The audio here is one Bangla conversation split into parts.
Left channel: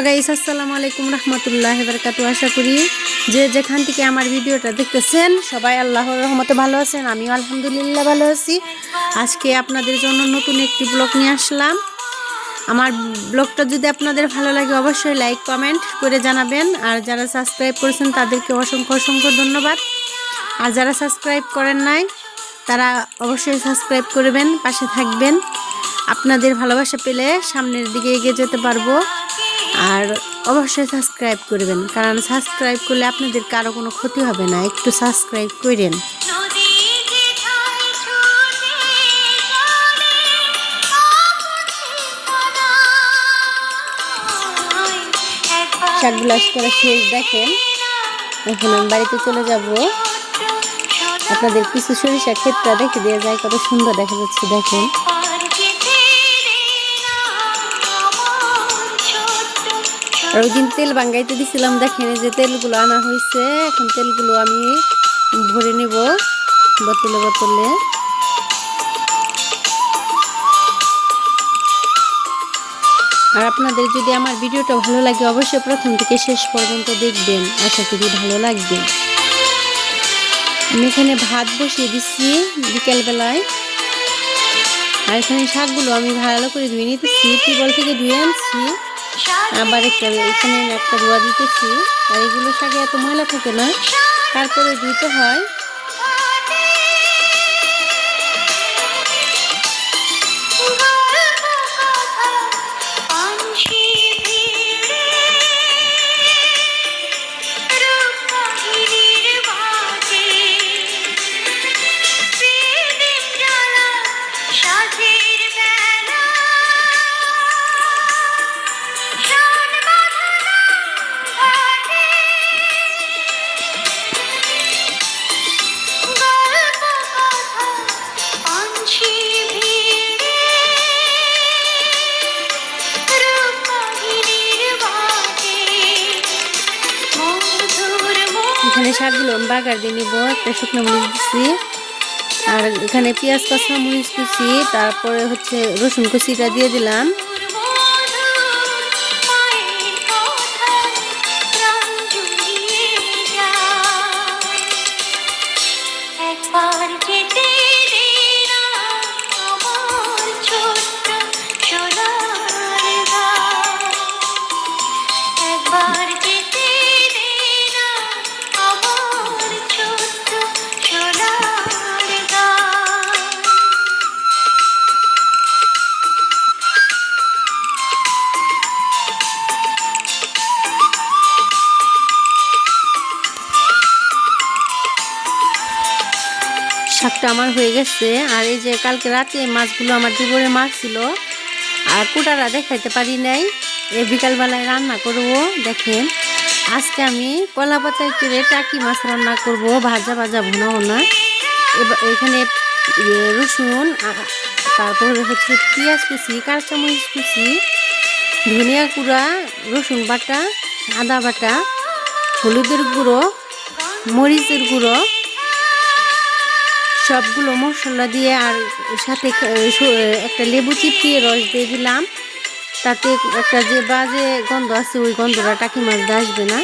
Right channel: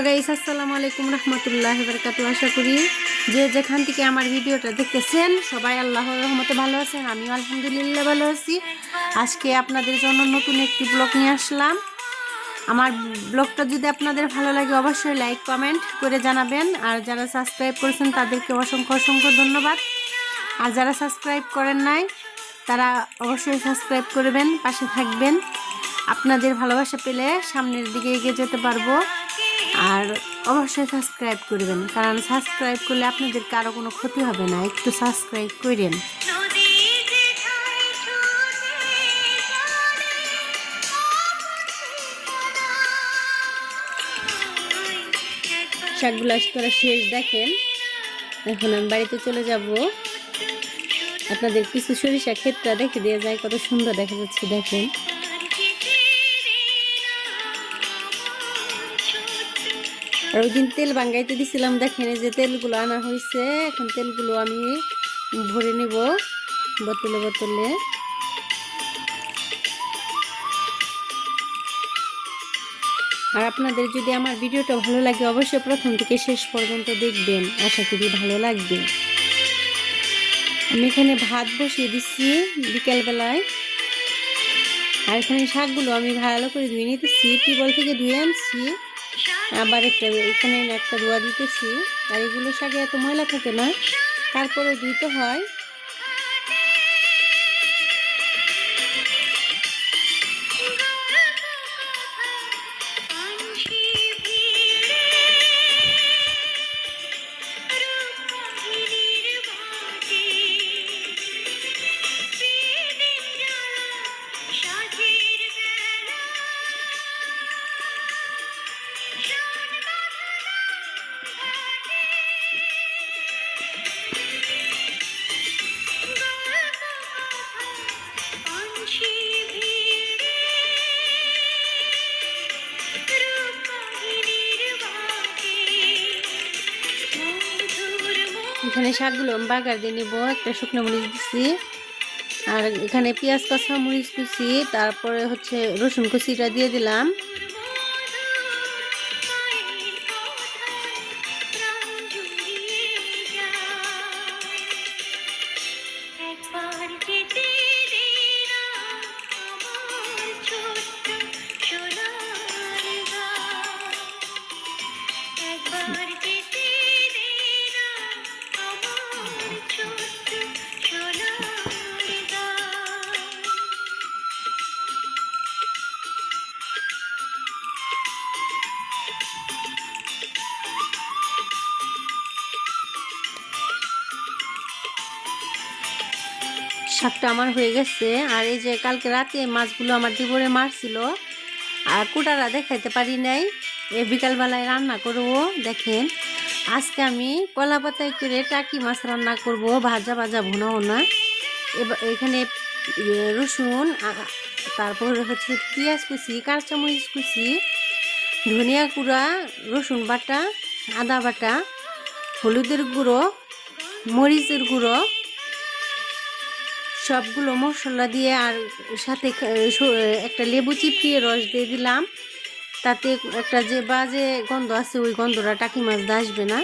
হ্যালো গাইস, আসসালামু আলাইকুম রহমতুল্লাহ বারকাতু আশা করি যে যেখান থেকে আমার ভিডিওটা দেখতেছেন, সবাই আল্লাহর রহমতে ভালো আছেন, আমিও আলহামদুলিল্লাহ ভালো আছি। আজকে আপনাদের জন্য নতুন একটি ব্লগ নিয়ে আসলাম। আমার ব্লগটা যদি আপনাদের ভালো লাগে, অবশ্যই লাইক, কমেন্ট করে জানাবেন। আর যারা সাবস্ক্রাইব করেছেন, তাদেরকে অসংখ্য অসংখ্য ধন্যবাদ। আর যারা সাবস্ক্রাইব করেন নাই, তারা অবশ্যই সাবস্ক্রাইব করবেন, পাশে থাকবেন। আপনাদের ভালোবাসা পেলে সামনের দিকে এগিয়ে যেতে পারব। আর অবশ্যই সাবস্ক্রাইব করবেন। কারণ সাবস্ক্রাইব করলে আপনাদের কারও কোনো ক্ষতি হবে না। একটু সাবস্ক্রাইব করেন। শাকগুলো করে শেষ দেখেন এখন আমি বাড়িতে চলে যাব। আপনাদের কিছু সরিষা ক্ষেতটা দেখে দিয়ে যায় কত সুন্দর দেখা যাচ্ছে দেখেন। আর ওই দিন তেল বাঙ্গাইতে দিছিলাম, দেখেন যে তেলগুলো আনা হয়েছে এখন তেলগুলো আমি ভরে নেব বোতলে বোতলে। আর আপনাদের যদি আমার ভিডিওটা ভালো লাগে, অবশ্যই প্রথম থেকে শেষ পর্যন্ত দেখবেন। আশা করি ভালো লাগবে। আমি এখানে ভাত বসিয়ে দিচ্ছি বিকেলবেলায়। আর এখানে শাকগুলো আমি ভালো করে ধুয়ে নিতেছি টিবল থেকে ধুয়ে আনছি। আবার একটা এখানে একটা রোয়া দিতেছি। আর এগুলো শাকে এত ময়লা থাকে না। তারপরে দিতে হয়। এখানে শাকগুলো বাগার দিয়ে নিব, একটা শুকনো মরিচ দিচ্ছি আর এখানে পেঁয়াজ কষা মরিচ কুচি তারপরে হচ্ছে রসুন কুচিটা দিয়ে দিলাম। can শাকটা আমার হয়ে গেছে। আর এই যে কালকে রাতে মাছগুলো আমার জীবনে মাছ ছিল আর কুটারা দেখাইতে পারি নাই। এই বিকালবেলায় রান্না করব, দেখেন। আজকে আমি কলা পাতায় করে টাকি মাছ রান্না করব, ভাজা ভাজা ভুনা ভুনা এখানে রসুন তারপরে হচ্ছে পেঁয়াজ কুচি, কাঁচামরিচ কুচি, ধনিয়া কুড়া রসুন বাটা, আদা বাটা, হলুদের গুঁড়ো, মরিচের গুঁড়ো সবগুলো মশলা দিয়ে আর সাথে একটা লেবু চিপিয়ে রস দিয়ে দিলাম। তাতে একটা যে বাজে গন্ধ আছে, ওই গন্ধটা টাকি মাছ আসবে না।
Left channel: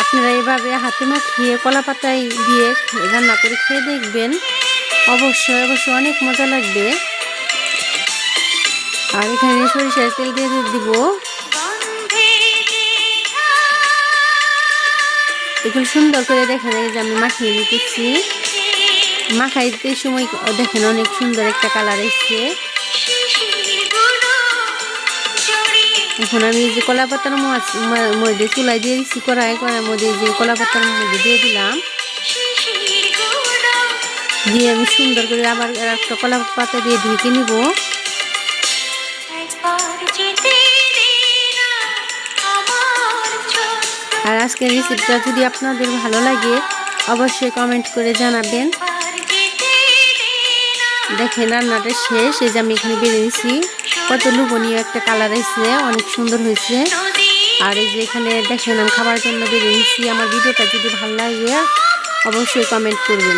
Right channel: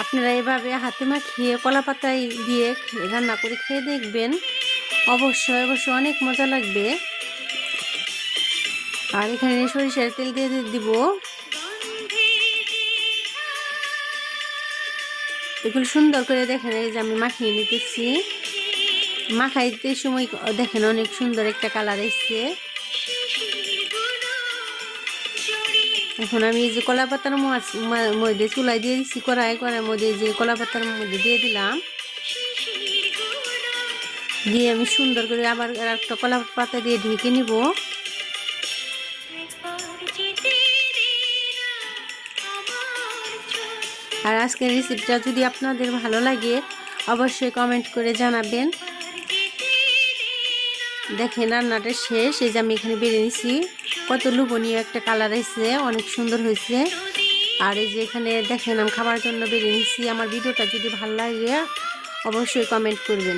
আপনারা এভাবে হাতে মাখিয়ে কলা পাতায় দিয়ে রান্না করে খেয়ে দেখবেন। অবশ্যই অবশ্যই অনেক মজা লাগবে। আর এখানে সরিষার তেল দিয়ে দিব। এগুলো সুন্দর করে দেখেন, এই যে আমি মাখিয়ে নিতেছি। মাখাইতে সময় দেখেন অনেক সুন্দর একটা কালার এসছে। এখন আমি যে কলা পাতার মধ্যে চুলাই দিয়ে দিচ্ছি কড়াই কড়াইয়ের মধ্যে যে কলা পাতার মধ্যে দিয়ে দিলাম। দিয়ে আমি সুন্দর করে আবার একটা কলা পাতা দিয়ে ঢেকে নিব। আর আজকের রেসিপিটা যদি আপনাদের ভালো লাগে, অবশ্যই কমেন্ট করে জানাবেন। দেখেন রান্নাটা শেষ, এই যে আমি এখানে বেরিয়েছি কত লুবনীয় একটা কালার হয়েছে অনেক সুন্দর হয়েছে। আর এই যে এখানে দেখেন, আমি খাবার জন্য বেরিয়েছি আমার ভিডিওটা যদি ভালো লাগে, অবশ্যই কমেন্ট করবেন।